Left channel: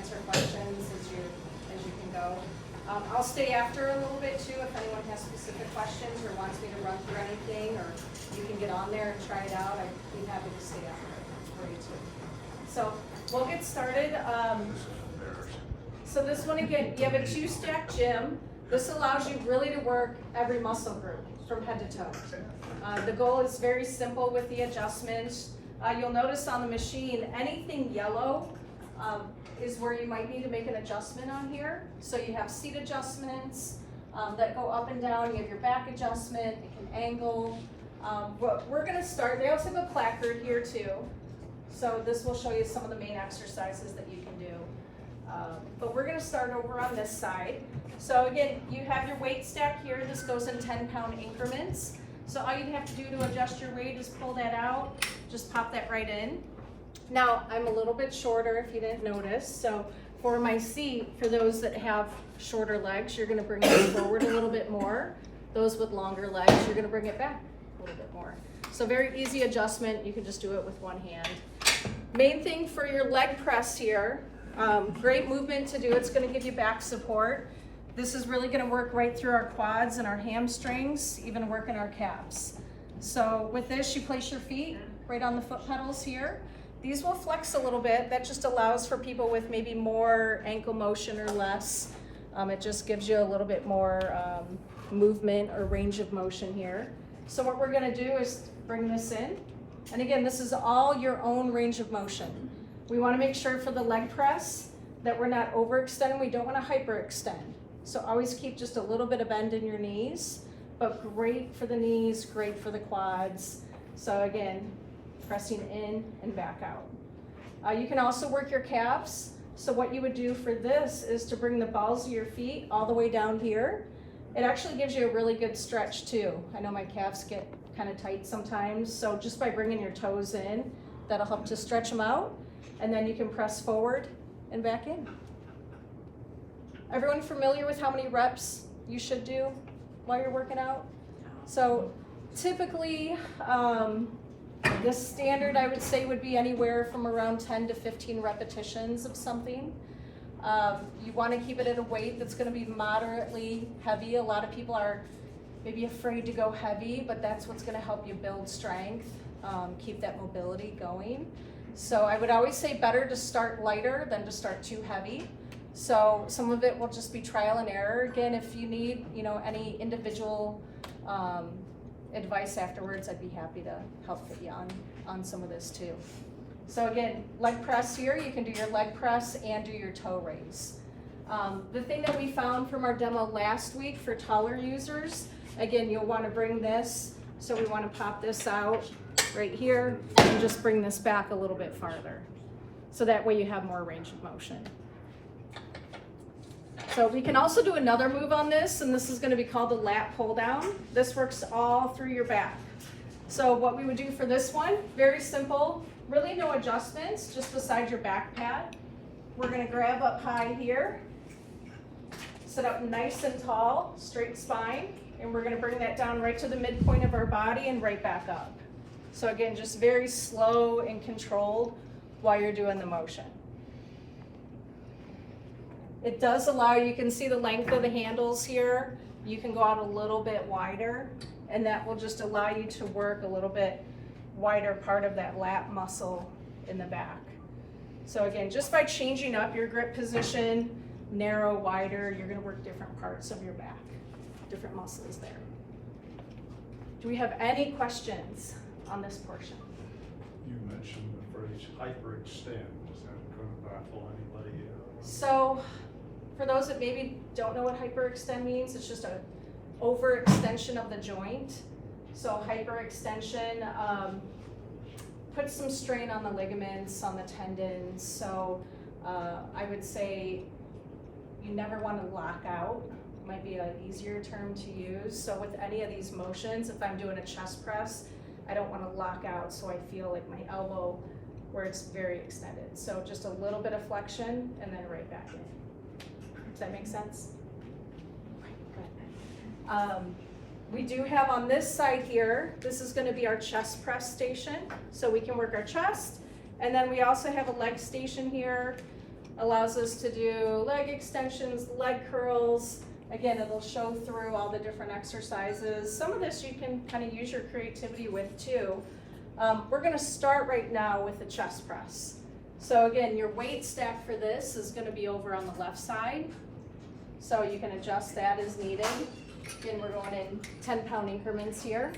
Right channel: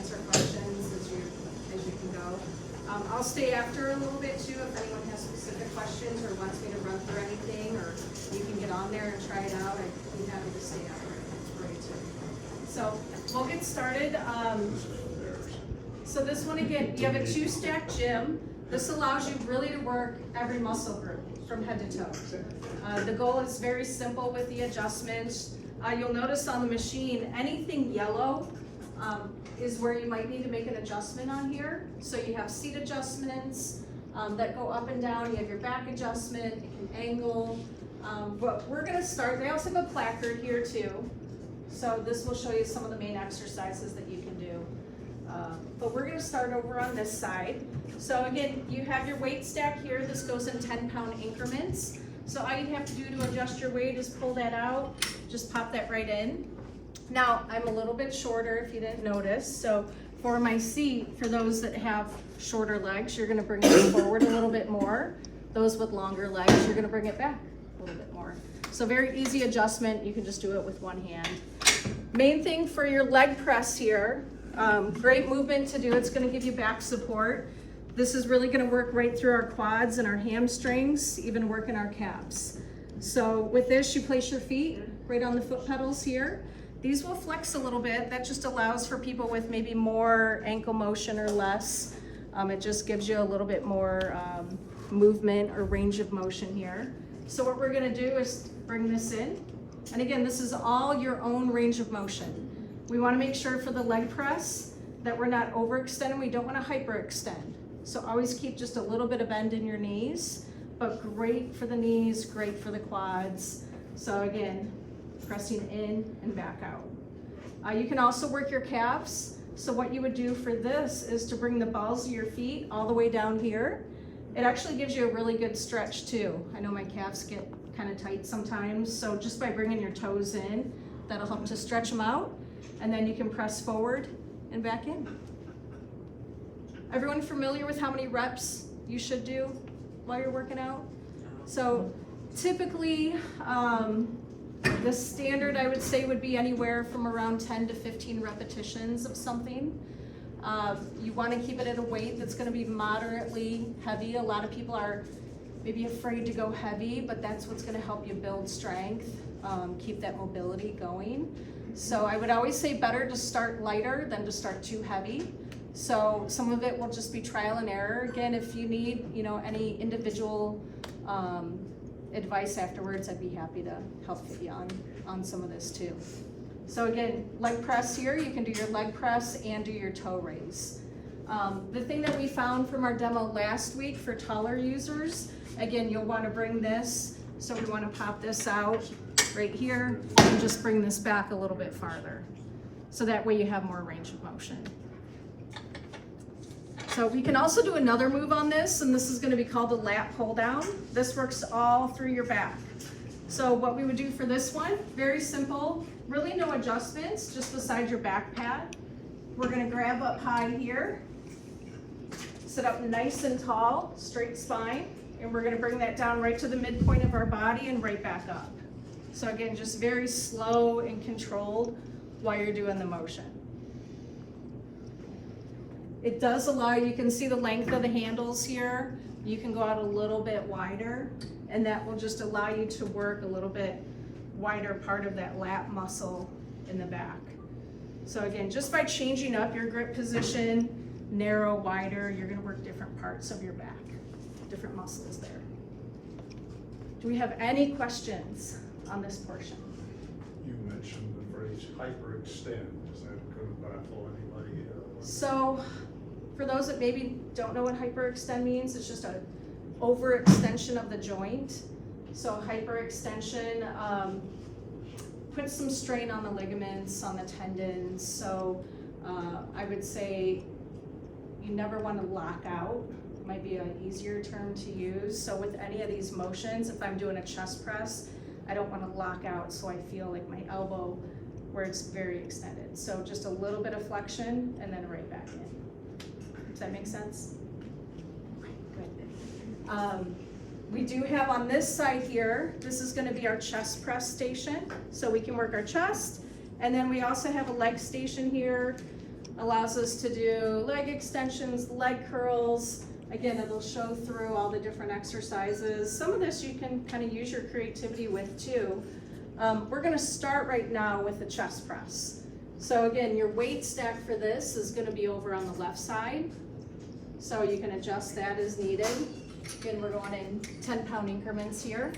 answer questions as you can go. I'll stay after a little bit too if anyone has specific questions or wants me to run through anything, or you can get on there and try it out. I'd be happy to stay after for you too. So we'll get started. So this one again, you have a 2-stack gym. This allows you really to work every muscle group from head to toe. The goal is very simple with the adjustments. You'll notice on the machine, anything yellow is where you might need to make an adjustment on here. So you have seat adjustments that go up and down. You have your back adjustment, it can angle. But we're gonna start, they also have a placard here too. So this will show you some of the main exercises that you can do. But we're gonna start over on this side. So again, you have your weight stack here. This goes in 10-pound increments. So all you'd have to do to adjust your weight is pull that out, just pop that right in. Now, I'm a little bit shorter if you didn't notice. So for my seat, for those that have shorter legs, you're gonna bring it forward a little bit more. Those with longer legs, you're gonna bring it back a little bit more. So very easy adjustment. You can just do it with one hand. Main thing for your leg press here, great movement to do. It's gonna give you back support. This is really gonna work right through our quads and our hamstrings, even work in our calves. So with this, you place your feet right on the foot pedals here. These will flex a little bit. That just allows for people with maybe more ankle motion or less. It just gives you a little bit more movement or range of motion here. So what we're gonna do is bring this in. And again, this is all your own range of motion. We wanna make sure for the leg press that we're not overextending. We don't wanna hyperextend. So always keep just a little bit of bend in your knees, but great for the knees, great for the quads. So again, pressing in and back out. You can also work your calves. So what you would do for this is to bring the balls of your feet all the way down here. It actually gives you a really good stretch too. I know my calves get kind of tight sometimes. So just by bringing your toes in, that'll help to stretch them out. And then you can press forward and back in. Everyone familiar with how many reps you should do while you're working out? So typically, the standard I would say would be anywhere from around 10 to 15 repetitions of something. You want to keep it at a weight that's going to be moderately heavy. A lot of people are maybe afraid to go heavy, but that's what's going to help you build strength, keep that mobility going. So I would always say better to start lighter than to start too heavy. So some of it will just be trial and error. Again, if you need, any individual advice afterwards, I'd be happy to help get you on some of this too. So again, leg press here, you can do your leg press and do your toe raise. The thing that we found from our demo last week for taller users, again, you'll want to bring this, so we want to pop this out right here and just bring this back a little bit farther. So that way you have more range of motion. So we can also do another move on this, and this is going to be called the lat pull down. This works all through your back. So what we would do for this one, very simple, really no adjustments, just beside your back pad. We're going to grab up high here, sit up nice and tall, straight spine, and we're going to bring that down right to the midpoint of our body and right back up. So again, just very slow and controlled while you're doing the motion. It does allow, you can see the length of the handles here. You can go out a little bit wider, and that will just allow you to work a little bit wider part of that lat muscle in the back. So again, just by changing up your grip position, narrow, wider, you're gonna work different parts of your back, different muscles there. Do we have any questions on this portion? You mentioned the phrase hyperextend. Is that going to baffle anybody? So, for those that maybe don't know what hyperextend means, it's just an overextension of the joint. So hyperextension puts some strain on the ligaments, on the tendons. So I would say you never want to lock out. Might be an easier term to use. So with any of these motions, if I'm doing a chest press, I don't want to lock out so I feel like my elbow where it's very extended. So just a little bit of flexion and then right back in. Does that make sense? Okay, good. We do have on this side here, this is going to be our chest press station. So we can work our chest. And then we also have a leg station here. allows us to do leg extensions, leg curls. Again, it'll show through all the different exercises. Some of this you can kind of use your creativity with too. We're gonna start right now with the chest press. So again, your weight stack for this is gonna be over on the left side. So you can adjust that as needed. Again, we're going in 10-pound increments here.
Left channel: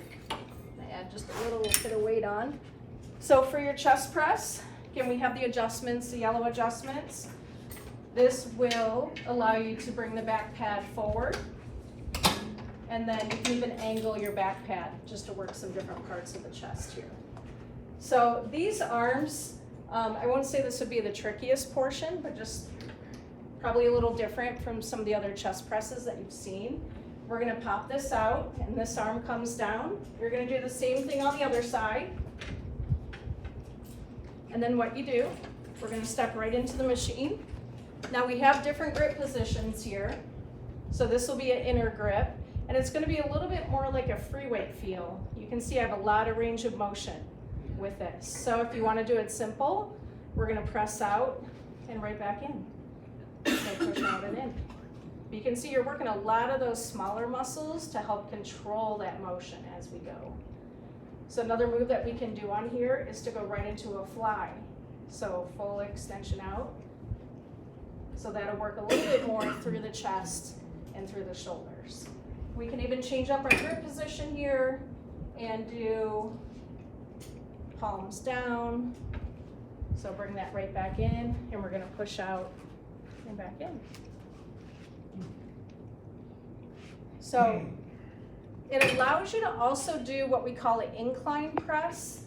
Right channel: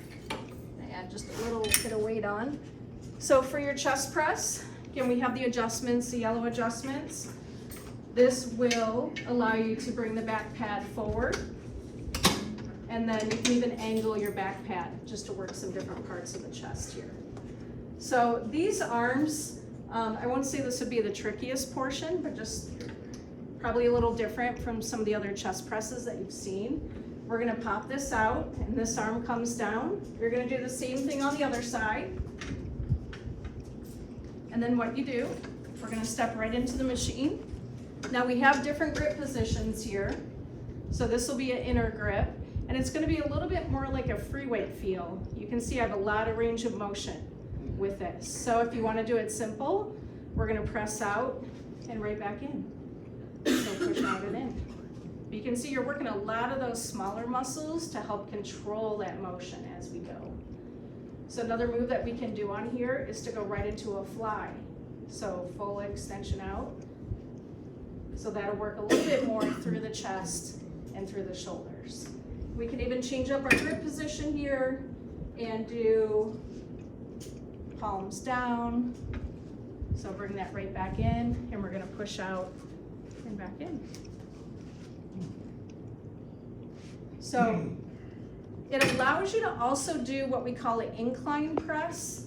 Add just a little bit of weight on. So for your chest press, again, we have the adjustments, the yellow adjustments. This will allow you to bring the back pad forward, and then you can even angle your back pad just to work some different parts of the chest here. So these arms, I won't say this would be the trickiest portion, but just probably a little different from some of the other chest presses that you've seen. We're gonna pop this out, and this arm comes down. You're gonna do the same thing on the other side. And then what you do, we're gonna step right into the machine. Now we have different grip positions here. So this will be an inner grip, and it's gonna be a little bit more like a free weight feel. You can see I have a lot of range of motion with this. So if you wanna do it simple, we're gonna press out and right back in. So push out and in. You can see you're working a lot of those smaller muscles to help control that motion as we go. So another move that we can do on here is to go right into a fly. So full extension out. So that'll work a little bit more through the chest and through the shoulders. We can even change up our grip position here and do palms down. So bring that right back in, and we're gonna push out and back in. So it allows you to also do what we call an incline press.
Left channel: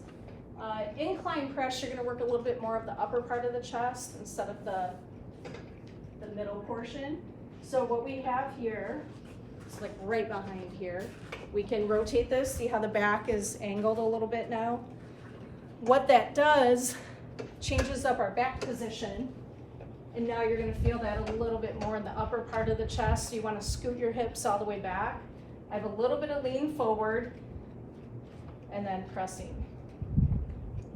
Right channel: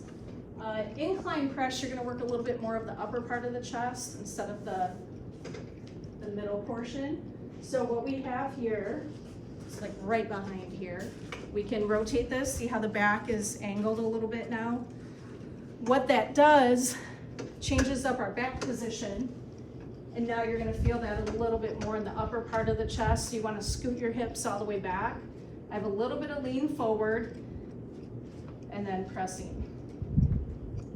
Incline press, you're gonna work a little bit more of the upper part of the chest instead of the middle portion. So what we have here, it's like right behind here. We can rotate this, see how the back is angled a little bit now. What that does, changes up our back position, and now you're gonna feel that a little bit more in the upper part of the chest. So you wanna scoot your hips all the way back. I have a little bit of lean forward, and then pressing.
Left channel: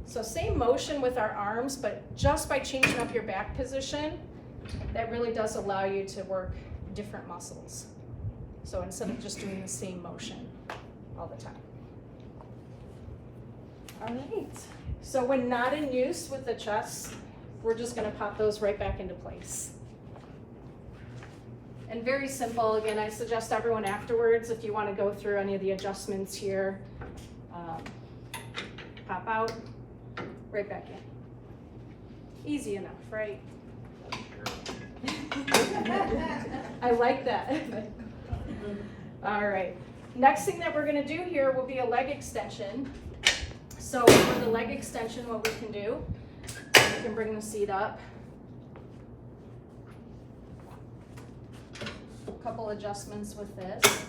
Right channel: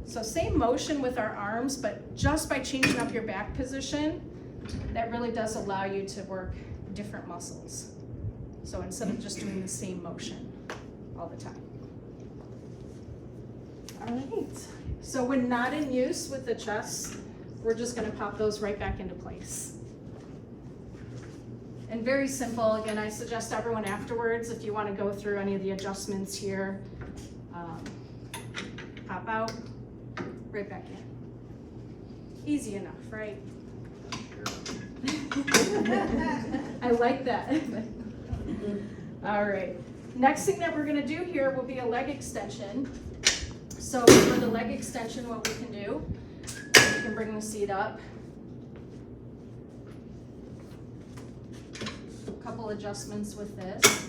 So same motion with our arms, but just by changing up your back position, that really does allow you to work different muscles. So instead of just doing the same motion all the time. All right, so when not in use with the chest, we're just gonna pop those right back into place. And very simple, again, I suggest everyone afterwards, if you wanna go through any of the adjustments here, pop out, right back in. Easy enough, right? I like that. All right, next thing that we're gonna do here will be a leg extension. So for the leg extension, what we can do, we can bring the seat up. A couple adjustments with this.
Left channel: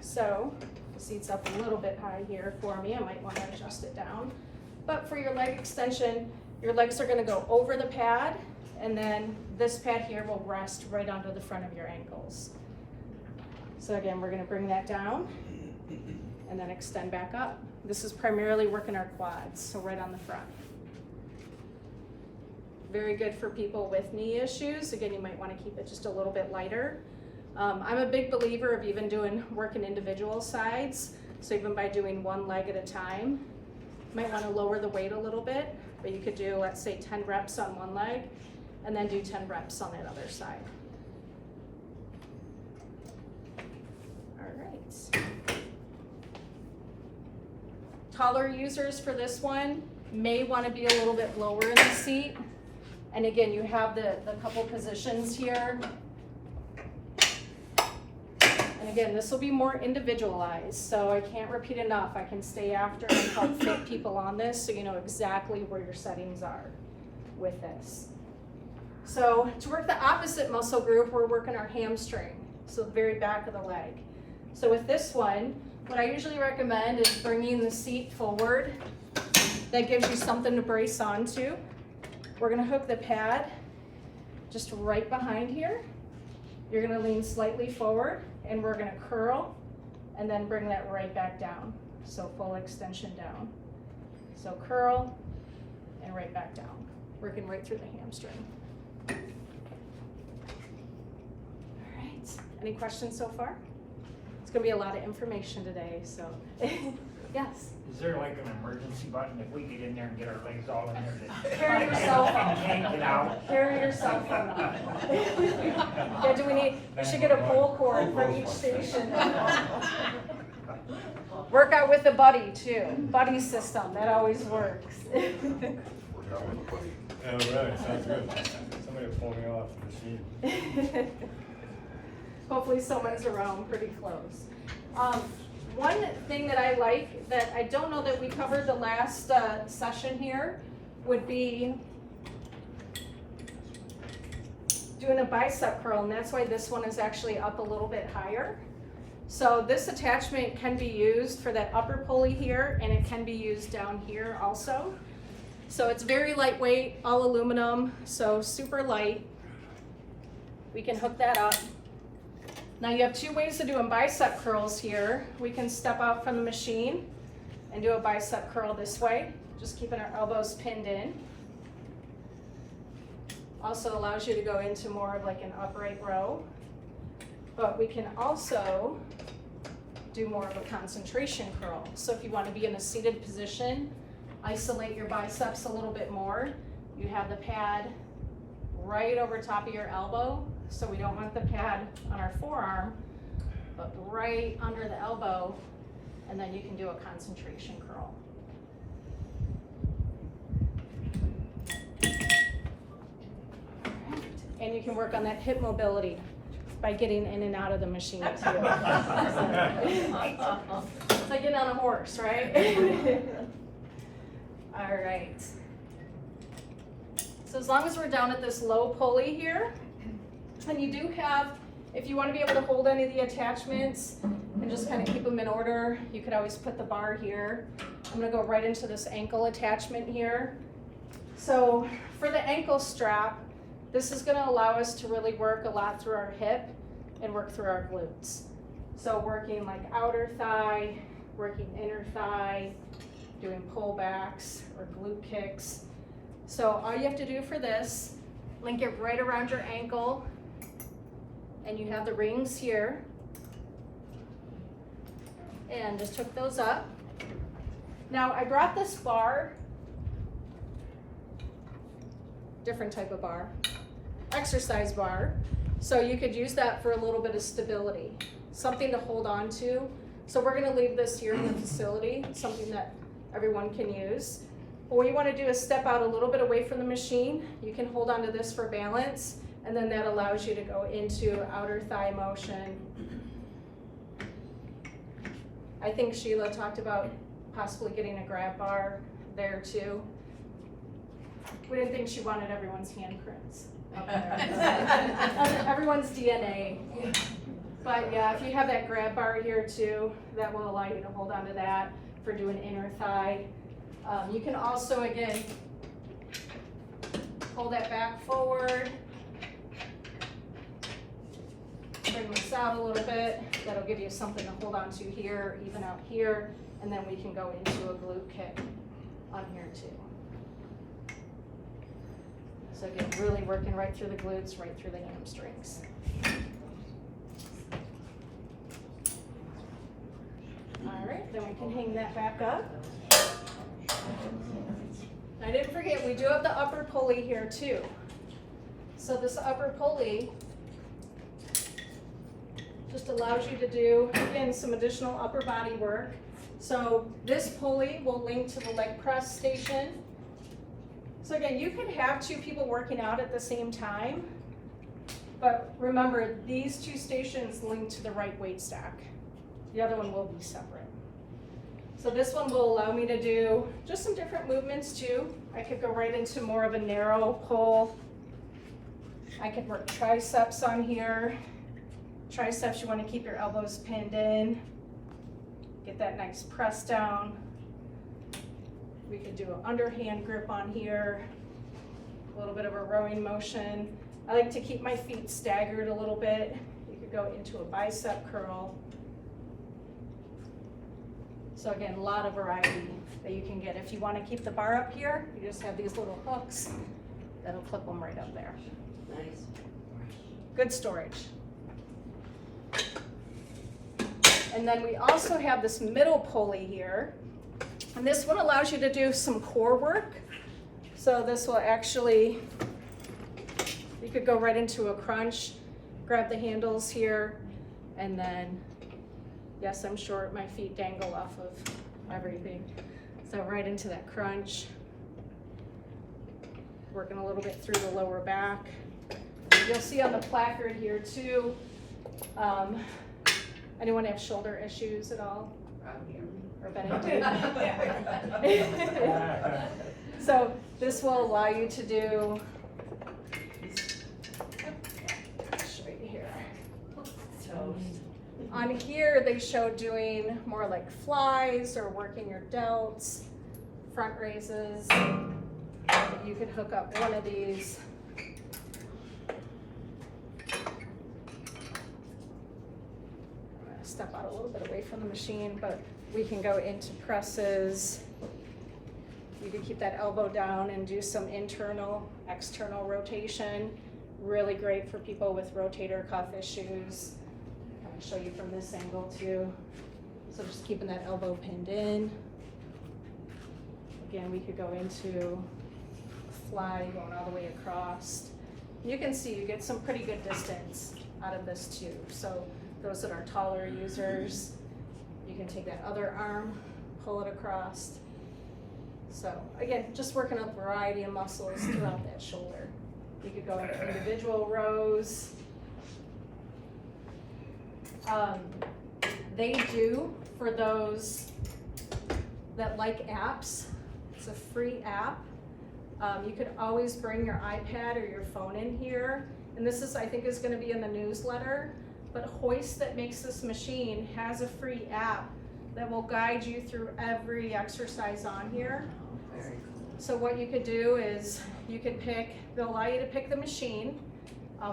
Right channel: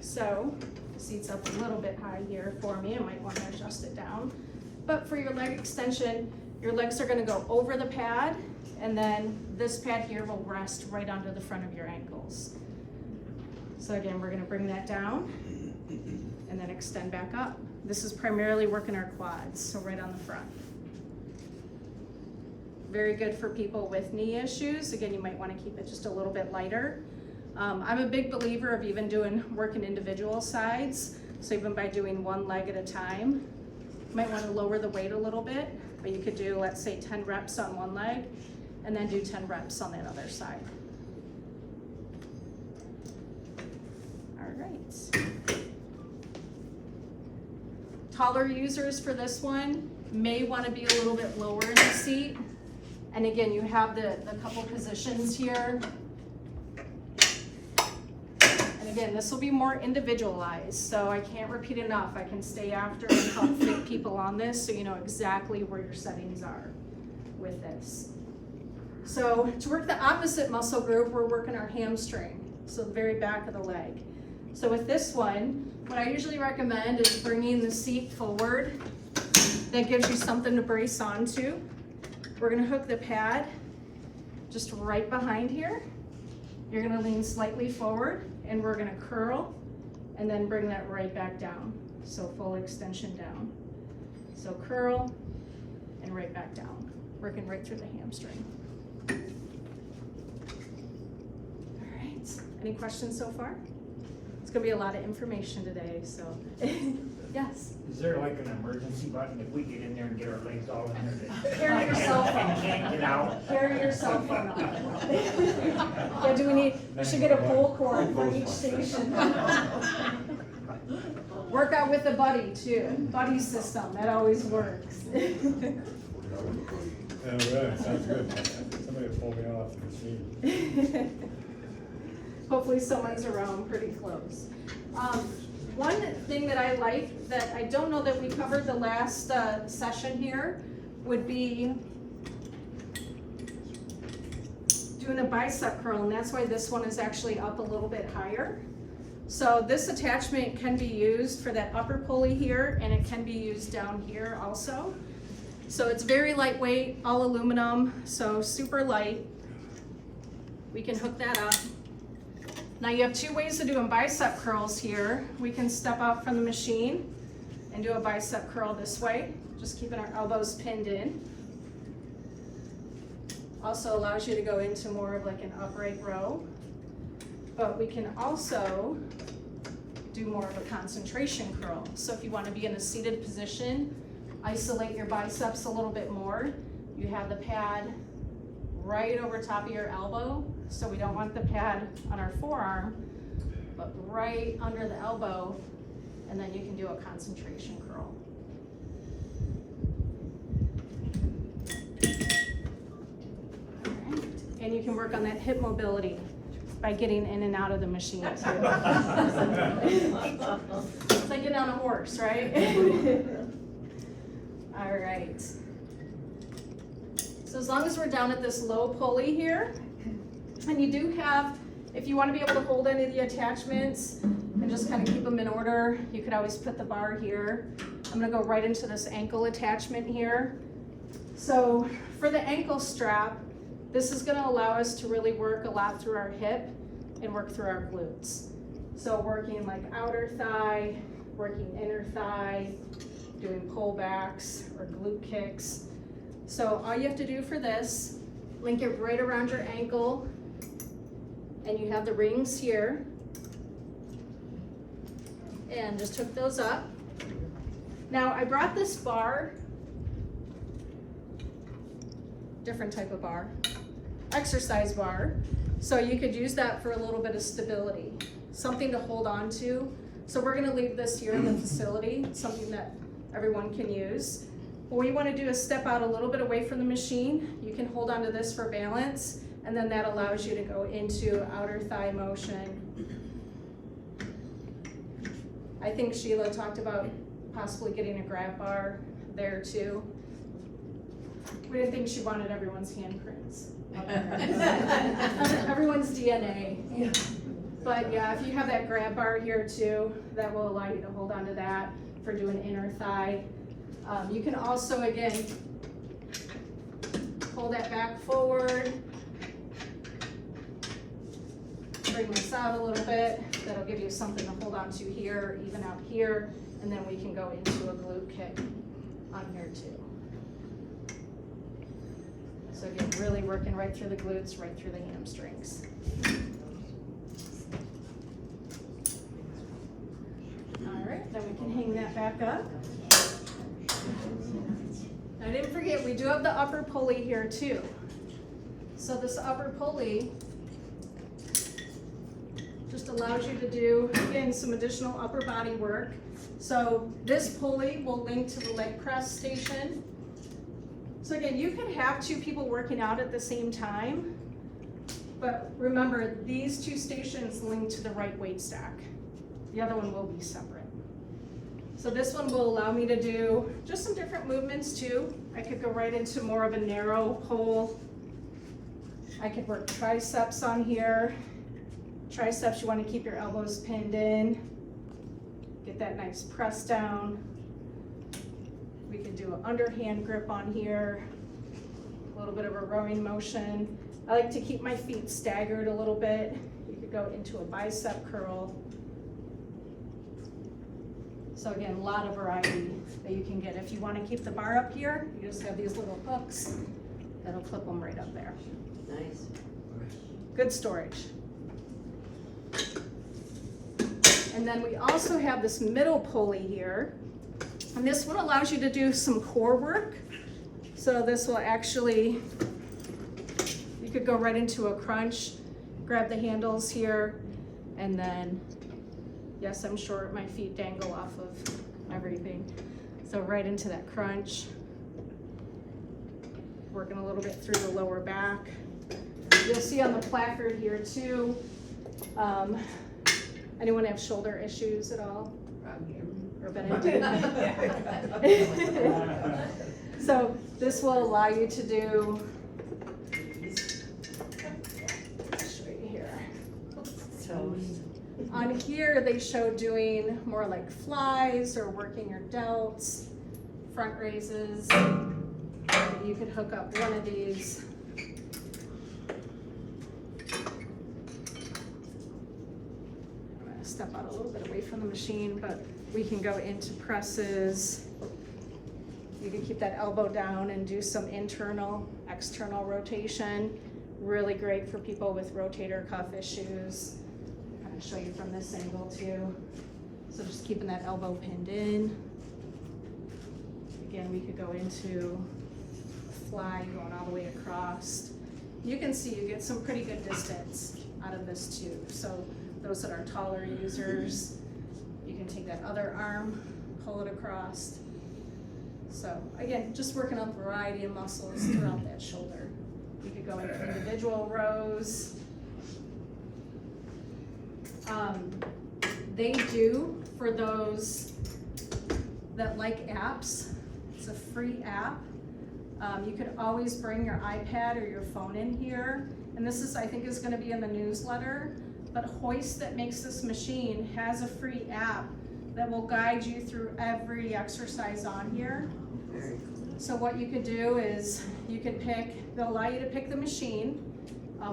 So the seat's up a little bit high here for me. I might want to adjust it down. But for your leg extension, your legs are going to go over the pad, and then this pad here will rest right onto the front of your ankles. So again, we're going to bring that down and then extend back up. This is primarily working our quads, so right on the front. Very good for people with knee issues. Again, you might want to keep it just a little bit lighter. I'm a big believer of even doing work in individual sides. So even by doing one leg at a time, you might want to lower the weight a little bit, but you could do, let's say, 10 reps on one leg and then do 10 reps on that other side. All right. Taller users for this one may want to be a little bit lower in the seat. And again, you have the couple positions here. And again, this will be more individualized, so I can't repeat enough. I can stay after and help fit people on this so you know exactly where your settings are with this. So to work the opposite muscle group, we're working our hamstring, so the very back of the leg. So with this one, what I usually recommend is bringing the seat forward. That gives you something to brace onto. We're gonna hook the pad just right behind here. You're gonna lean slightly forward, and we're gonna curl and then bring that right back down. So full extension down. So curl and right back down. working right through the hamstring. All right, any questions so far? It's gonna be a lot of information today, so, yes? Is there like an emergency button if we get in there and get our legs all in there? Carry your cell phone. Can't get out? Carry your cell phone out. Yeah, we should get a pull cord from each station. Work out with a buddy too, buddy system, that always works. Yeah, right, sounds good. Somebody will pull me off the machine. Hopefully someone's around pretty close. One thing that I like that I don't know that we covered the last session here would be doing a bicep curl, and that's why this one is actually up a little bit higher. So this attachment can be used for that upper pulley here, and it can be used down here also. So it's very lightweight, all aluminum, so super light. We can hook that up. Now you have two ways of doing bicep curls here. We can step out from the machine and do a bicep curl this way, just keeping our elbows pinned in. Also allows you to go into more of like an upright row. But we can also do more of a concentration curl. So if you want to be in a seated position, isolate your biceps a little bit more. You have the pad right over top of your elbow. So we don't want the pad on our forearm, but right under the elbow, and then you can do a concentration curl. All right. And you can work on that hip mobility by getting in and out of the machine too. It's like getting on a horse, right? All right. So as long as we're down at this low pulley here, and you do have, if you want to be able to hold any of the attachments and just kind of keep them in order, you could always put the bar here. I'm going to go right into this ankle attachment here. So for the ankle strap, this is going to allow us to really work a lot through our hip and work through our glutes. So working like outer thigh, working inner thigh, doing pullbacks or glute kicks. So all you have to do for this, link it right around your ankle, and you have the rings here, and just hook those up. Now I brought this bar, different type of bar, exercise bar, so you could use that for a little bit of stability, something to hold on to. So we're gonna leave this here in the facility, something that everyone can use. But what you wanna do is step out a little bit away from the machine. You can hold on to this for balance, and then that allows you to go into outer thigh motion. I think Sheila talked about possibly getting a grab bar there too. We didn't think she wanted everyone's handprints up there. Everyone's DNA. But yeah, if you have that grab bar here too, that will allow you to hold on to that for doing inner thigh. You can also, again, pull that back forward. Bring this out a little bit. That'll give you something to hold on to here, even out here, and then we can go into a glute kick on here too. So again, really working right through the glutes, right through the hamstrings. All right, then we can hang that back up. I didn't forget, we do have the upper pulley here too. So this upper pulley just allows you to do, again, some additional upper body work. So this pulley will link to the leg press station. So again, you could have two people working out at the same time, but remember, these two stations link to the right weight stack. The other one will be separate. So this one will allow me to do just some different movements too. I could go right into more of a narrow pull. I could work triceps on here. Triceps, you want to keep your elbows pinned in. Get that nice press down. We could do an underhand grip on here. A little bit of a rowing motion. I like to keep my feet staggered a little bit. You could go into a bicep curl. So again, a lot of variety that you can get. If you want to keep the bar up here, you just have these little hooks That'll clip them right up there. Nice. Good storage. And then we also have this middle pulley here. And this one allows you to do some core work. So this will actually, you could go right into a crunch, grab the handles here, and then, yes, I'm short, my feet dangle off of everything. So right into that crunch. Working a little bit through the lower back. You'll see on the placard here too, anyone have shoulder issues at all? Or been into? So this will allow you to do, I'll show you here. On here, they show doing more like flies or working your delts, front raises. You could hook up one of these. I'm gonna step out a little bit away from the machine, but we can go into presses. You can keep that elbow down and do some internal, external rotation. Really great for people with rotator cuff issues. I'm gonna show you from this angle too. So just keeping that elbow pinned in. Again, we could go into a fly going all the way across. You can see you get some pretty good distance out of this too. So those that are taller users, you can take that other arm, pull it across. So again, just working on a variety of muscles throughout that shoulder. You could go into individual rows. They do, for those that like apps, it's a free app. You could always bring your iPad or your phone in here. And this is, I think, is gonna be in the newsletter. But Hoist, that makes this machine, has a free app that will guide you through every exercise on here. So what you could do is you could pick, they'll allow you to pick the machine.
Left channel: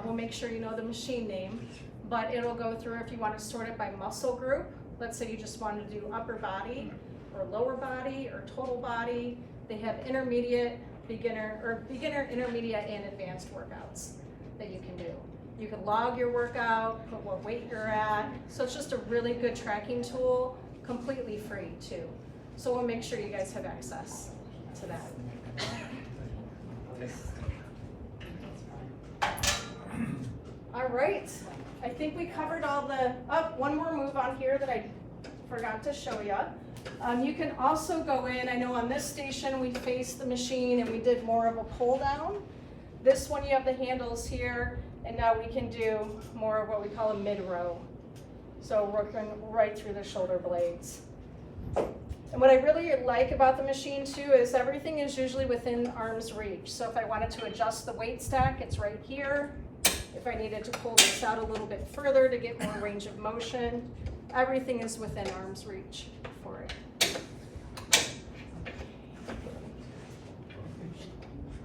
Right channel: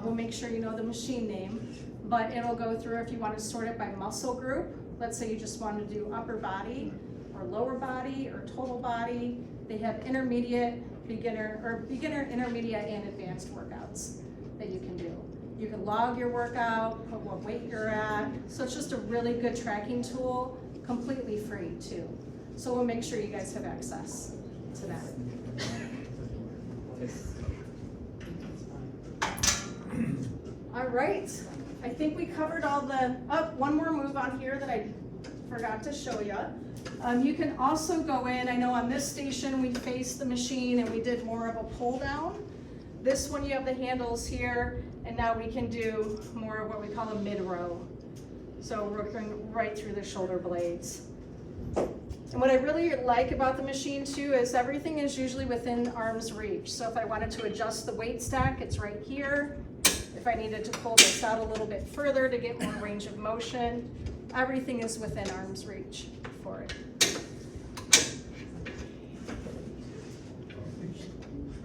We'll make sure you know the machine name, but it'll go through if you want to sort it by muscle group. Let's say you just want to do upper body or lower body or total body. They have intermediate, beginner, intermediate, and advanced workouts that you can do. You can log your workout, put what weight you're at. So it's just a really good tracking tool, completely free too. So we'll make sure you guys have access to that. All right, I think we covered all the, one more move on here that I forgot to show you. You can also go in, I know on this station we faced the machine and we did more of a pull down. This one you have the handles here, and now we can do more of what we call a mid-row. So working right through the shoulder blades. And what I really like about the machine too is everything is usually within arm's reach. So if I wanted to adjust the weight stack, it's right here. If I needed to pull this out a little bit further to get more range of motion, everything is within arm's reach for it.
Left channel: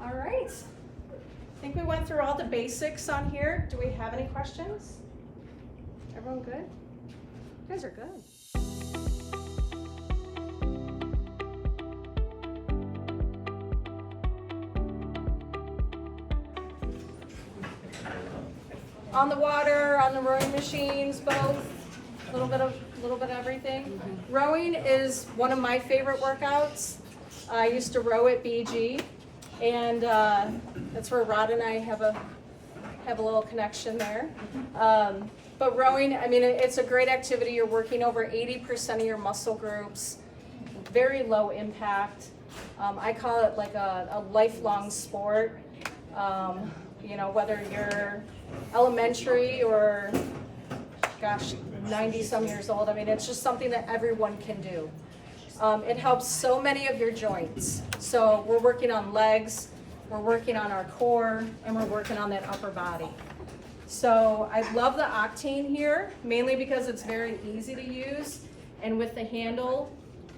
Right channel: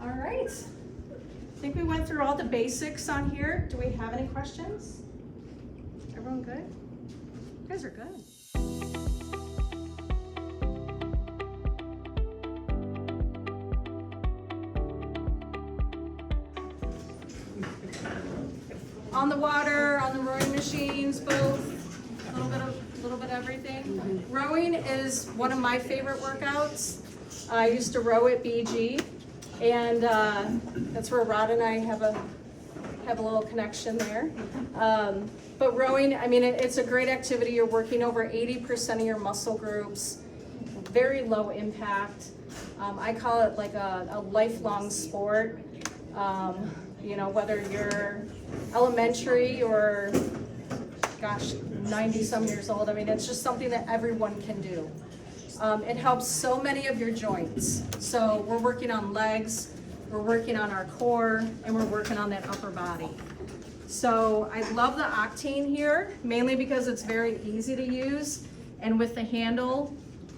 All right. I think we went through all the basics on here. Do we have any questions? Everyone good? You guys are good. On the water, on the rowing machines, both, a little bit of everything. Mm-hmm. Rowing is one of my favorite workouts. I used to row at BG, and that's where Rod and I have a little connection there. But rowing, I mean, it's a great activity. You're working over 80% of your muscle groups, very low impact. I call it like a lifelong sport. You know, whether you're elementary or, gosh, 90-some years old. I mean, it's just something that everyone can do. It helps so many of your joints. So we're working on legs, we're working on our core, and we're working on that upper body. So I love the Octane here, mainly because it's very easy to use. And with the handle,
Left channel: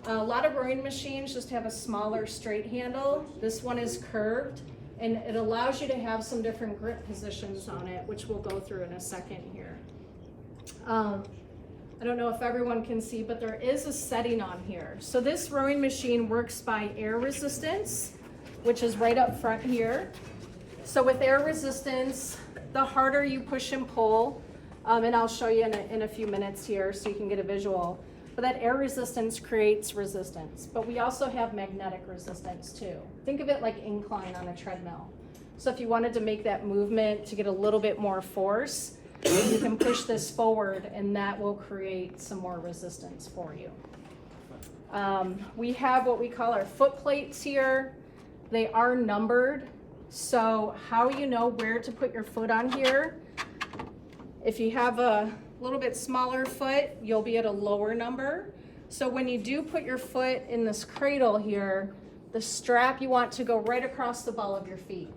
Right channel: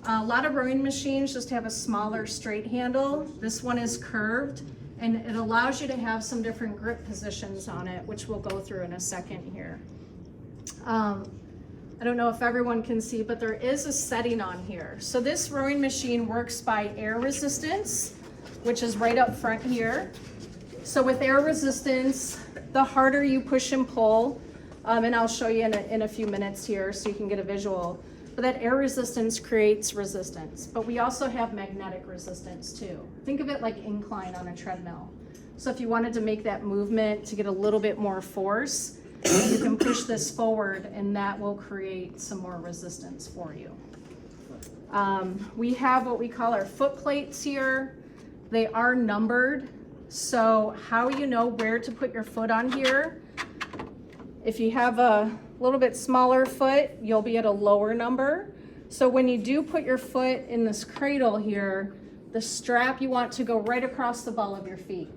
a lot of rowing machines just have a smaller straight handle. This one is curved, and it allows you to have some different grip positions on it, which we'll go through in a second here. I don't know if everyone can see, but there is a setting on here. So this rowing machine works by air resistance, which is right up front here. So with air resistance, the harder you push and pull, and I'll show you in a few minutes here so you can get a visual, but that air resistance creates resistance. But we also have magnetic resistance too. Think of it like incline on a treadmill. So if you wanted to make that movement to get a little bit more force, you can push this forward and that will create some more resistance for you. We have what we call our foot plates here. They are numbered. So how you know where to put your foot on here, if you have a little bit smaller foot, you'll be at a lower number. So when you do put your foot in this cradle here, the strap you want to go right across the ball of your feet.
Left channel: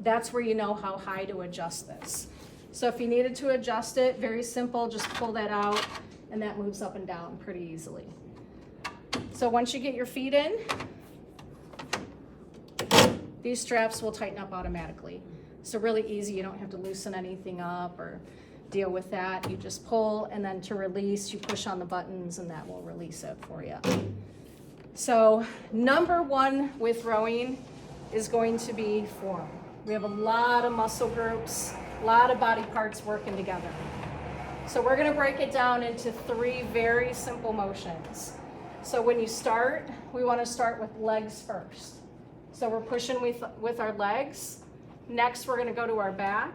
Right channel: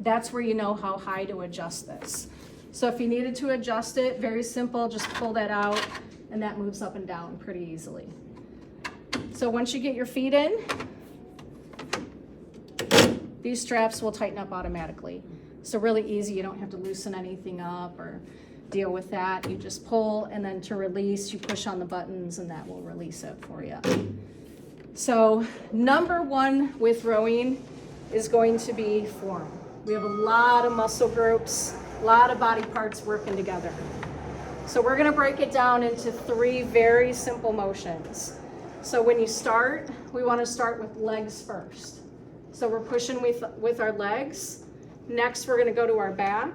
That's where you know how high to adjust this. So if you needed to adjust it, very simple, just pull that out and that moves up and down pretty easily. So once you get your feet in, these straps will tighten up automatically. So really easy, you don't have to loosen anything up or deal with that. You just pull, and then to release, you push on the buttons and that will release it for you. So number one with rowing is going to be form. We have a lot of muscle groups, a lot of body parts working together. So we're gonna break it down into 3 very simple motions. So when you start, we wanna start with legs first. So we're pushing with our legs. Next, we're gonna go to our back.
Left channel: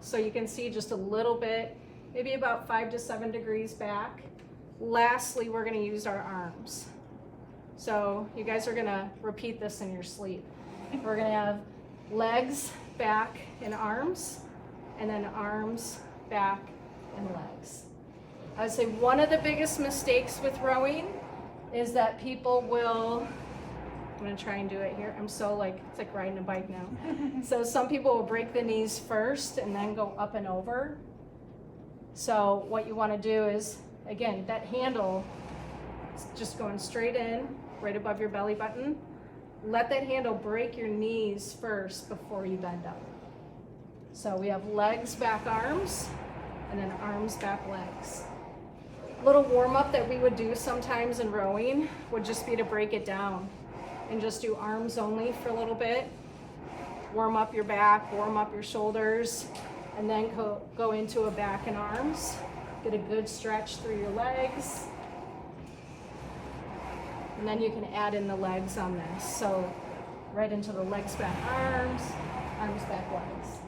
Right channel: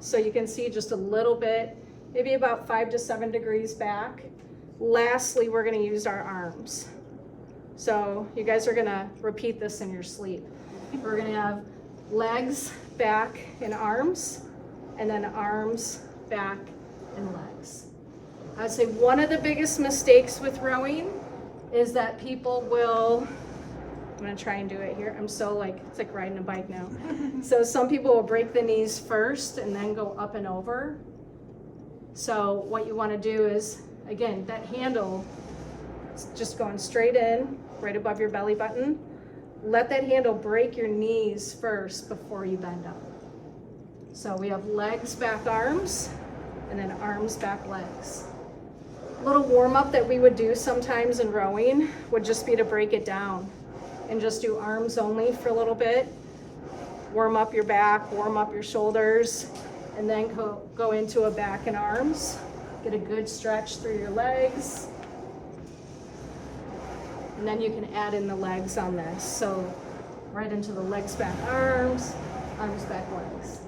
So you can see just a little bit, maybe about 5 to 7 degrees back. Lastly, we're gonna use our arms. So you guys are gonna repeat this in your sleep. We're gonna have legs, back, and arms, and then arms, back, and legs. I would say one of the biggest mistakes with rowing is that people will, I'm gonna try and do it here. I'm so it's like riding a bike now. So some people will break the knees first and then go up and over. So what you wanna do is, again, that handle is just going straight in, right above your belly button. Let that handle break your knees first before you bend up. So we have legs, back, arms, and then arms, back, legs. A little warm up that we would do sometimes in rowing would just be to break it down and just do arms only for a little bit. Warm up your back, warm up your shoulders, and then go into a back and arms. Get a good stretch through your legs. And then you can add in the legs on this. So right into the legs, back, arms, back, legs.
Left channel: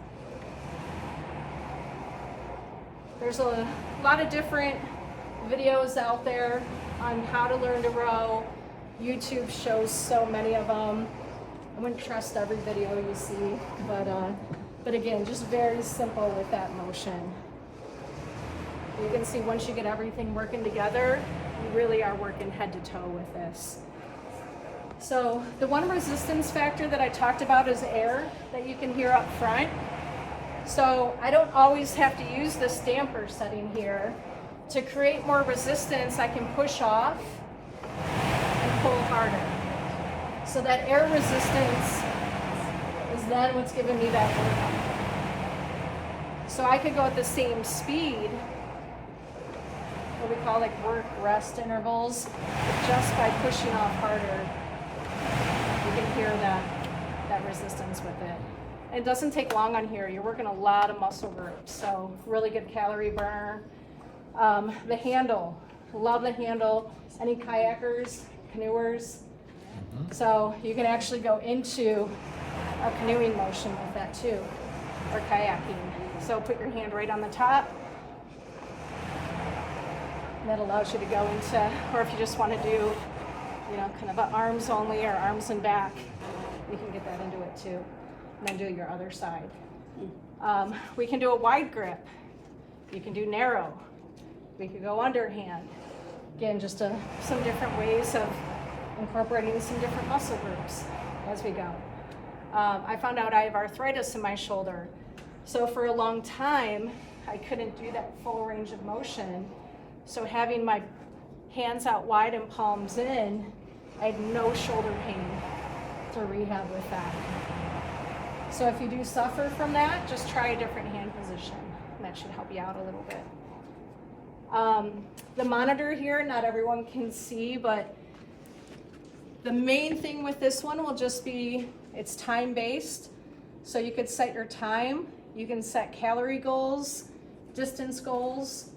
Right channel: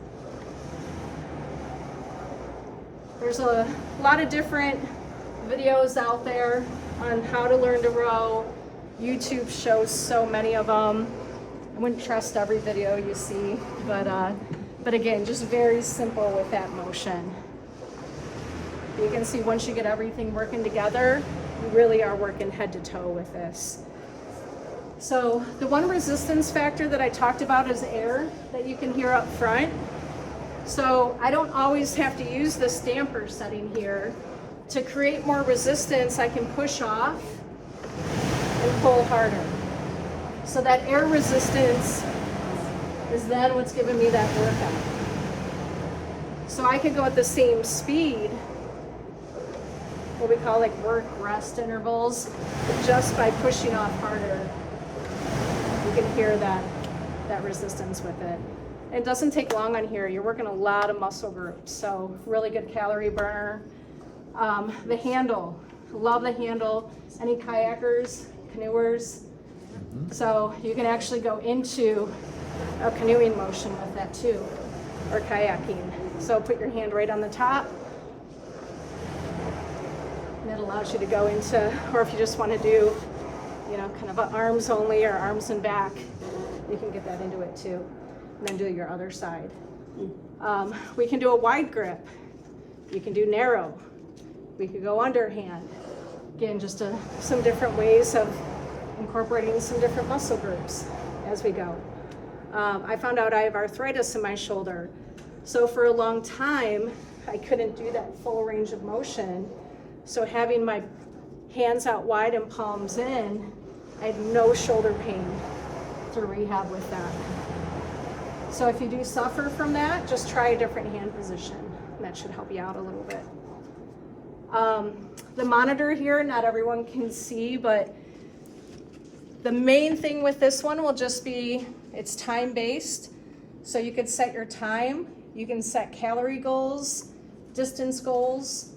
There's a lot of different videos out there on how to learn to row. YouTube shows so many of them. I wouldn't trust every video you see, but again, just very simple with that motion. You can see once you get everything working together, you really are working head to toe with this. So the one resistance factor that I talked about is air that you can hear up front. So I don't always have to use the stamper setting here. To create more resistance, I can push off and pull harder. So that air resistance is then what's giving me that work on. So I could go at the same speed, what we call work rest intervals, but just by pushing off harder, you can hear that resistance with it. It doesn't take long on here. You're working a lot of muscle groups, so really good calorie burner. The handle, love the handle. Any kayakers, canoers? So you can actually go into a canoeing motion with that too, or kayaking. So put your hand right on the top. And that allows you to go into, or if you just want to do, kind of arms only or arms and back, you can get that into it too. And then do your other side. We can do a wide grip. You can do narrow. We could go underhand. Again, just some different ways of incorporating some different muscle groups as we go. I found out I have arthritis in my shoulder. So for a long time, I couldn't do that full range of motion. So having my hands out wide and palms in, I had no shoulder pain to rehab with that. So if you do suffer from that, just try a different hand position. And that should help you out a little bit. The monitor here, not everyone can see, but the main thing with this one will just be, it's time-based. So you could set your time, you can set calorie goals, distance goals.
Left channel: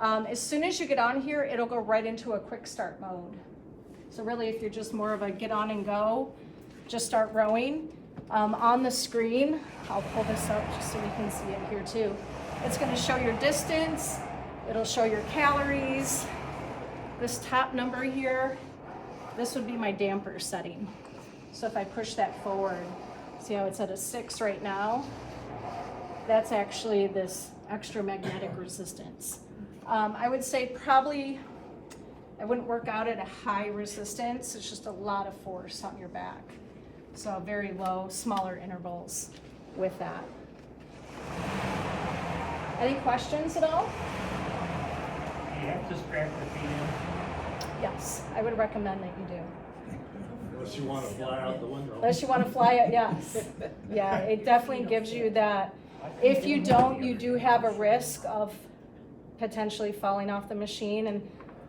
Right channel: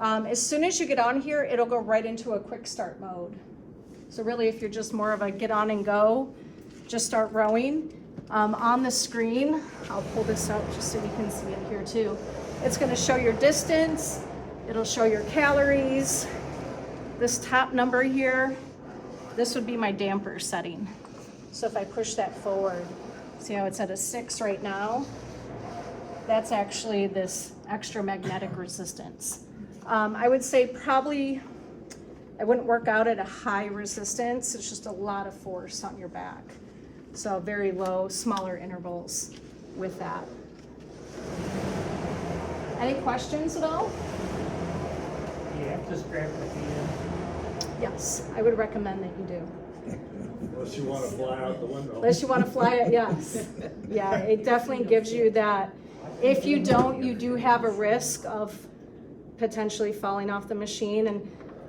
As soon as you get on here, it'll go right into a quick start mode. So really, if you're just more of a get on and go, just start rowing. On the screen, I'll pull this up just so you can see it here too. It's gonna show your distance, it'll show your calories. This top number here, this would be my damper setting. So if I push that forward, see how it's at a 6 right now? That's actually this extra magnetic resistance. I would say probably, I wouldn't work out at a high resistance, it's just a lot of force on your back. So very low, smaller intervals with that. Any questions at all? You have to strap the feet in. Yes, I would recommend that you do. Unless you wanna fly out the window. Unless you want to fly it, yes. Yeah, it definitely gives you that. If you don't, you do have a risk of potentially falling off the machine. And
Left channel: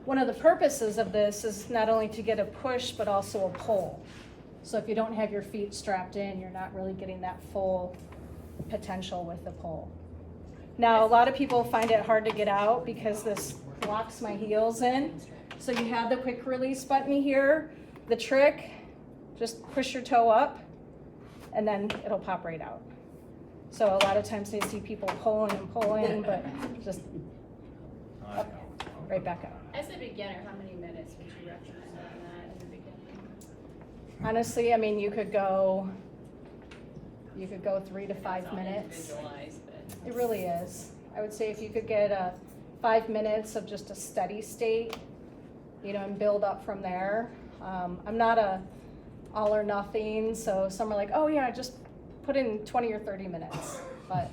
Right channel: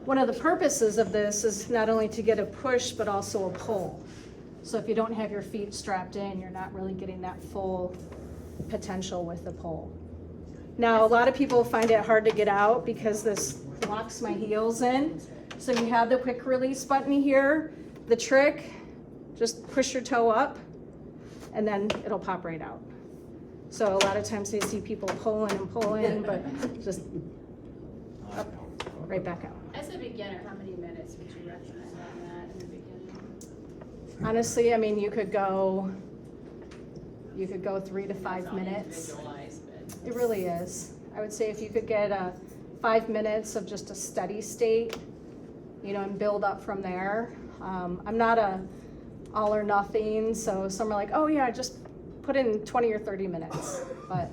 one of the purposes of this is not only to get a push, but also a pull. So if you don't have your feet strapped in, you're not really getting that full potential with the pull. Now, a lot of people find it hard to get out because this locks my heels in. So you have the quick release button here. The trick, just push your toe up and then it'll pop right out. So a lot of times I see people pulling and pulling, but just up, right back out. As a beginner, how many minutes would you recommend on that in the beginning? Honestly, I mean, you could go 3 to 5 minutes. Visualize, but It really is. I would say if you could get 5 minutes of just a steady state, you know, and build up from there. I'm not a all or nothing, so some are like, oh yeah, just put in 20 or 30 minutes. But,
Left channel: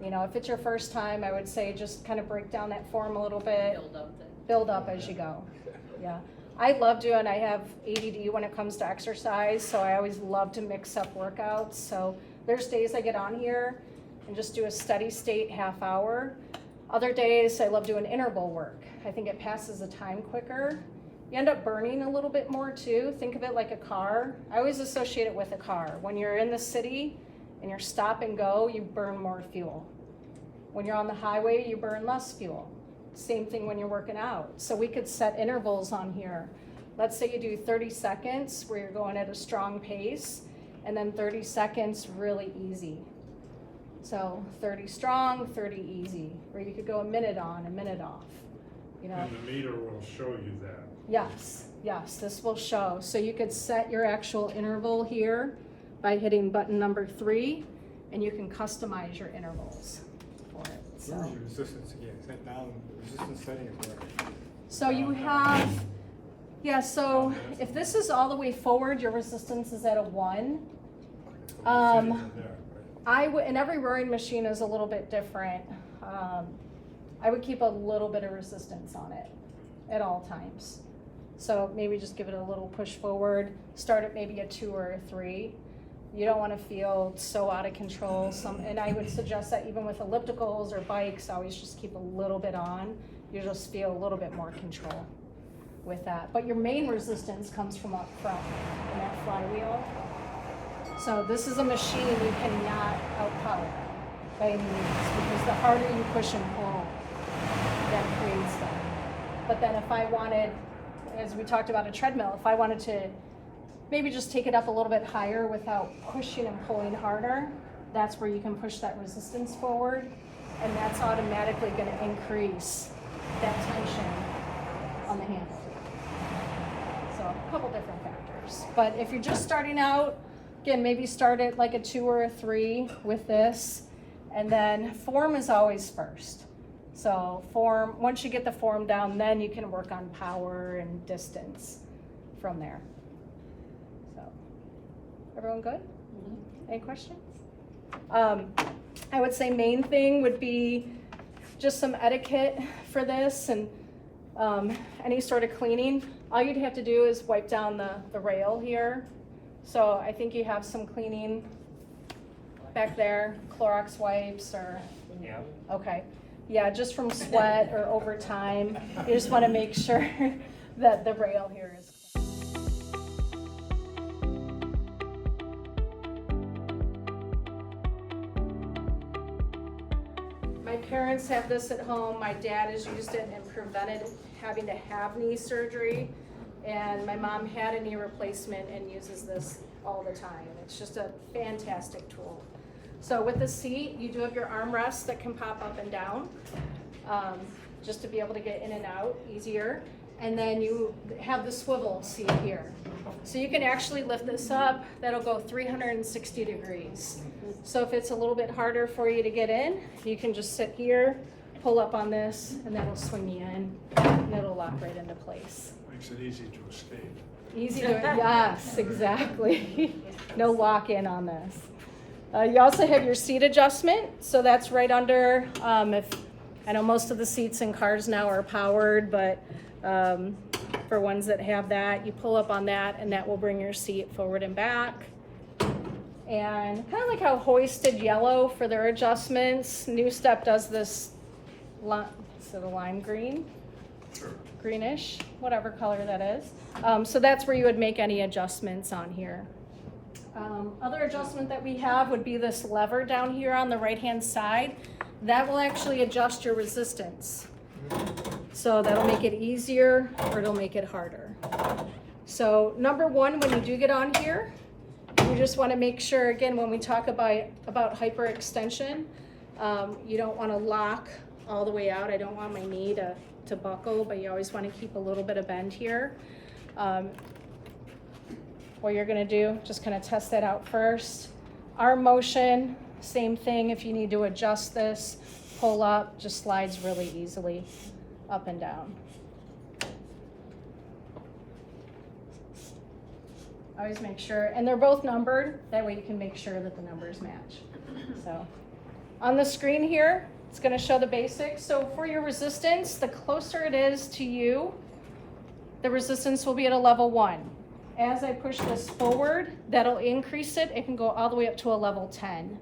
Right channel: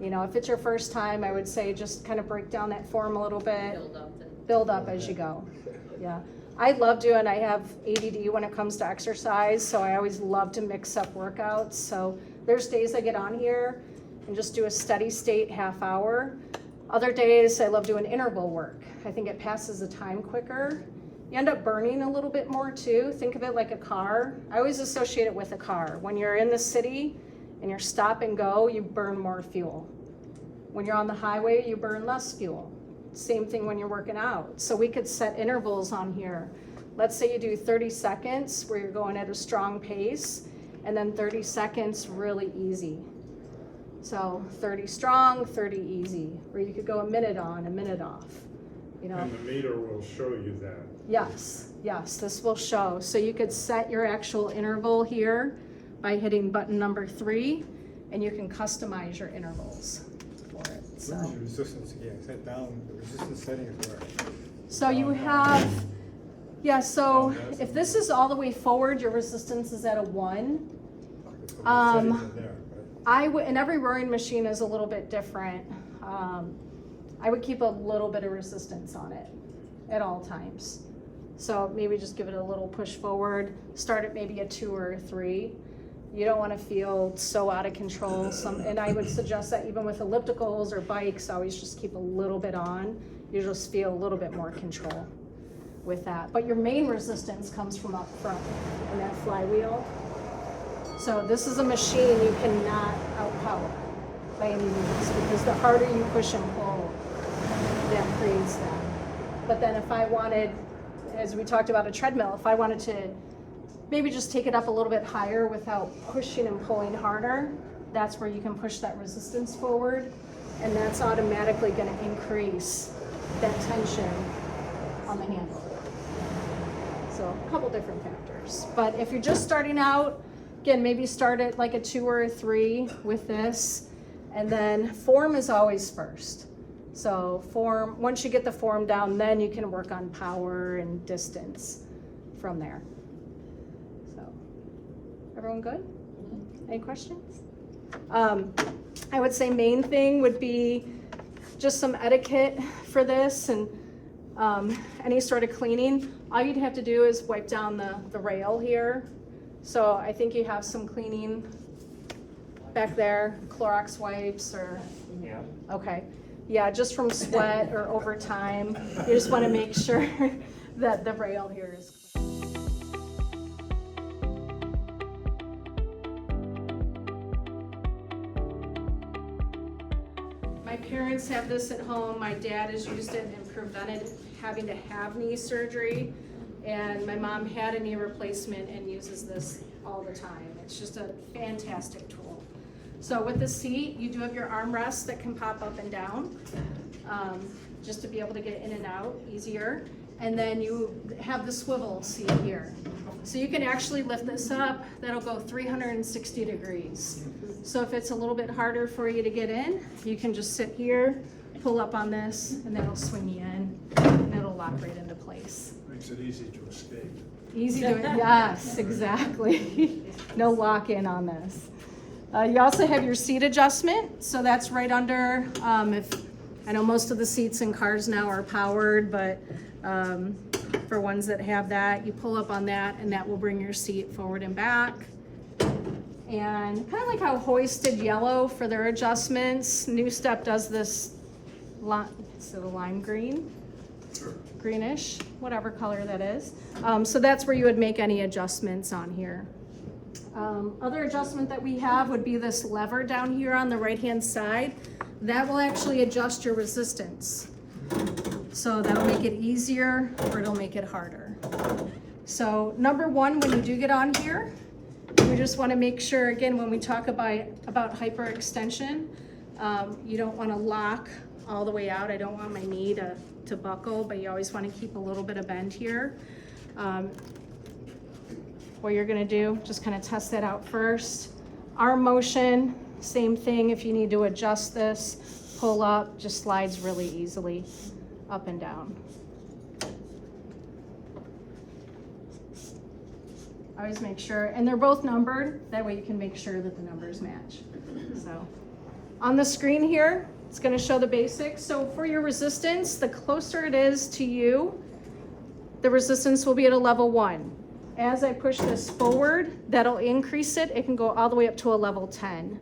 you know, if it's your first time, I would say just kind of break down that form a little bit, build up as you go. Yeah. I have ADD when it comes to exercise, so I always love to mix up workouts. So there's days I get on here and just do a steady state half hour. Other days I love doing interval work. I think it passes the time quicker. You end up burning a little bit more too. Think of it like a car. I always associate it with a car. When you're in the city and you're stop and go, you burn more fuel. When you're on the highway, you burn less fuel. Same thing when you're working out. So we could set intervals on here. Let's say you do 30 seconds where you're going at a strong pace, and then 30 seconds really easy. So 30 strong, 30 easy, or you could go a minute on, a minute off, you know. And the meter will show you that. Yes, this will show. So you could set your actual interval here by hitting button number 3, and you can customize your intervals for it. So, What is your resistance again? Set down the resistance settings where? so you have, yeah, so if this is all the way forward, your resistance is at a 1. And every rowing machine is a little bit different. I would keep a little bit of resistance on it at all times. So maybe just give it a little push forward, start at maybe a 2 or a 3. You don't want to feel so out of control. And I would suggest that even with ellipticals or bikes, always just keep a little bit on. You just feel a little bit more control with that. But your main resistance comes from up front and that flywheel. So this is a machine you cannot outpower by any means, because the harder you push and pull, that creates that. But then if I wanted, as we talked about a treadmill, if I wanted to maybe just take it up a little bit higher without pushing and pulling harder, that's where you can push that resistance forward, and that's automatically going to increase that tension on the handle. So a couple different factors. But if you're just starting out, again, maybe start at like a 2 or a 3 with this, and then form is always first. So form, once you get the form down, then you can work on power and distance from there. So, everyone good? Any questions? I would say main thing would be just some etiquette for this, and any sort of cleaning. All you'd have to do is wipe down the rail here. So I think you have some cleaning back there, Clorox wipes or, Yeah. okay. Yeah, just from sweat or over time, you just want to make sure that the rail here is clean. My parents have this at home. My dad has used it and prevented having to have knee surgery. And my mom had a knee replacement and uses this all the time. It's just a fantastic tool. So with the seat, you do have your armrests that can pop up and down, just to be able to get in and out easier. And then you have the swivel seat here. So you can actually lift this up, that'll go 360 degrees. So if it's a little bit harder for you to get in, you can just sit here, pull up on this, and that'll swing you in, and it'll lock right into place. Makes it easy to escape. Easy to, yes, exactly. No lock in on this. You also have your seat adjustment, so that's right under, if, I know most of the seats in cars now are powered, but for ones that have that, you pull up on that and that will bring your seat forward and back. And kind of like how Hoisted Yellow for their adjustments, New Step does this, is it a lime green? Sure. Greenish, whatever color that is. So that's where you would make any adjustments on here. Other adjustment that we have would be this lever down here on the right-hand side. That will actually adjust your resistance. So that'll make it easier or it'll make it harder. So number one, when you do get on here, we just want to make sure, again, when we talk about hyperextension, you don't want to lock all the way out. I don't want my knee to buckle, but you always want to keep a little bit of bend here. What you're going to do, just kind of test that out first. Arm motion, same thing. If you need to adjust this, pull up, just slides really easily up and down. Always make sure, and they're both numbered, that way you can make sure that the numbers match. So on the screen here, it's going to show the basics. So for your resistance, the closer it is to you, the resistance will be at a level 1. As I push this forward, that'll increase it. It can go all the way up to a level 10.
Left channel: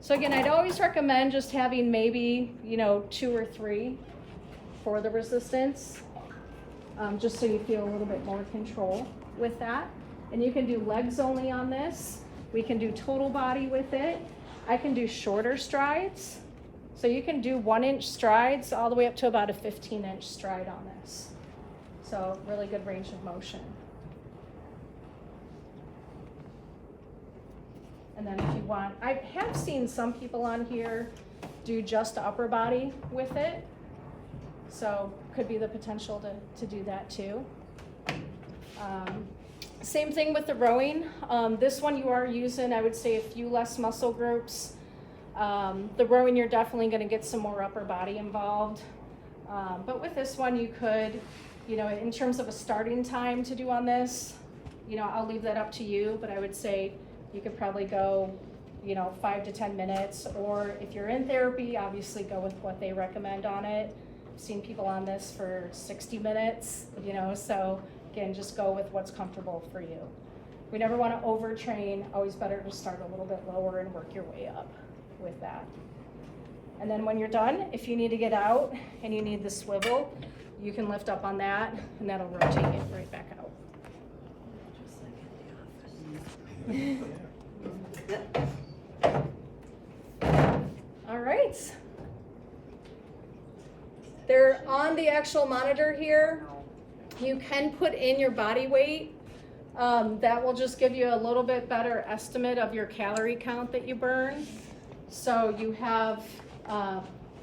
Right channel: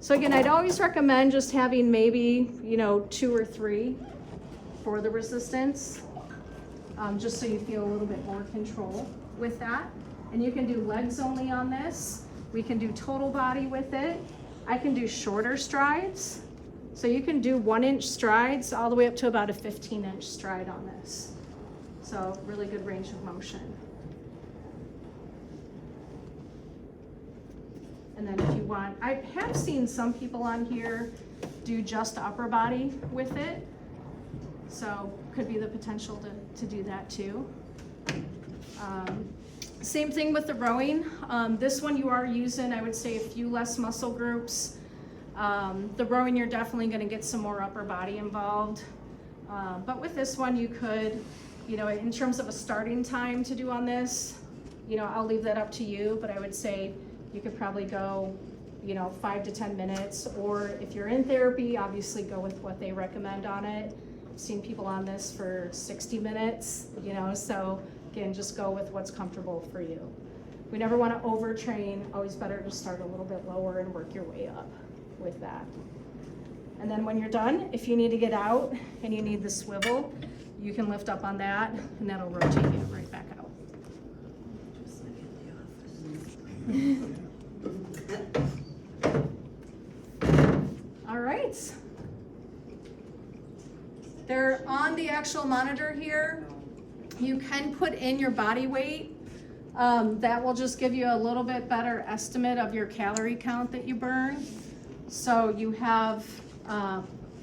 So again, I'd always recommend just having maybe, 2 or 3 for the resistance, just so you feel a little bit more control with that. And you can do legs only on this. We can do total body with it. I can do shorter strides. So you can do 1-inch strides all the way up to about a 15-inch stride on this. So really good range of motion. And then if you want, I have seen some people on here do just upper body with it. So could be the potential to do that too. Same thing with the rowing. This one you are using, I would say, a few less muscle groups. The rowing, you're definitely going to get some more upper body involved. But with this one, you could, in terms of a starting time to do on this, I'll leave that up to you, but I would say you could probably go, 5 to 10 minutes, or if you're in therapy, obviously go with what they recommend on it. I've seen people on this for 60 minutes, so again, just go with what's comfortable for you. We never want to overtrain, always better to start a little bit lower and work your way up with that. And then when you're done, if you need to get out and you need the swivel, you can lift up on that and that'll rotate you right back out. Just like in the office. All right. They're on the actual monitor here. You can put in your body weight. That will just give you a little bit better estimate of your calorie count that you burn. So you have,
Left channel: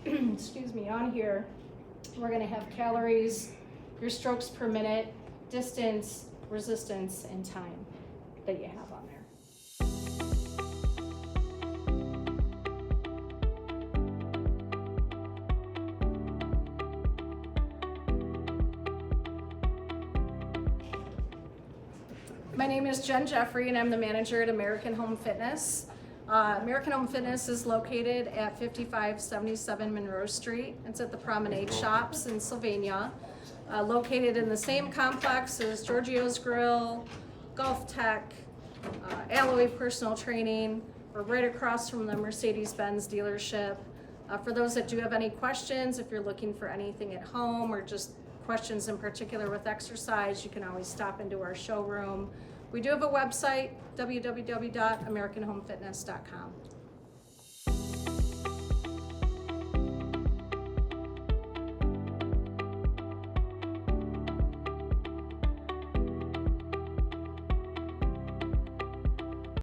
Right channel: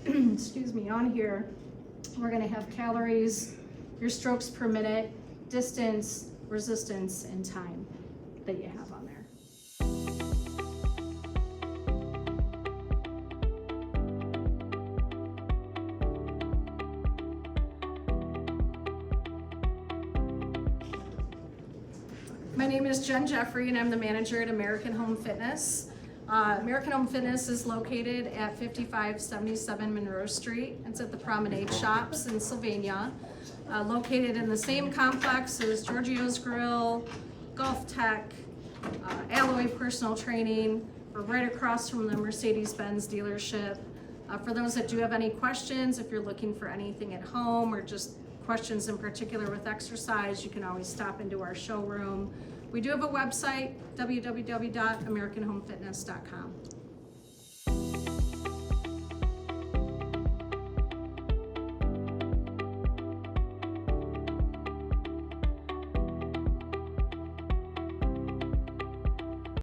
excuse me, on here, we're gonna have calories, your strokes per minute, distance, resistance, and time that you have on there. My name is Jen Jeffrey and I'm the manager at American Home Fitness. American Home Fitness is located at 5577 Monroe Street. It's at the Promenade Shops in Sylvania. Located in the same complex as Giorgio's Grill, Golf Tech, Alloy Personal Training. We're right across from the Mercedes-Benz dealership. For those that do have any questions, if you're looking for anything at home or just questions in particular with exercise, you can always stop into our showroom. We do have a website, www.americanhomefitness.com.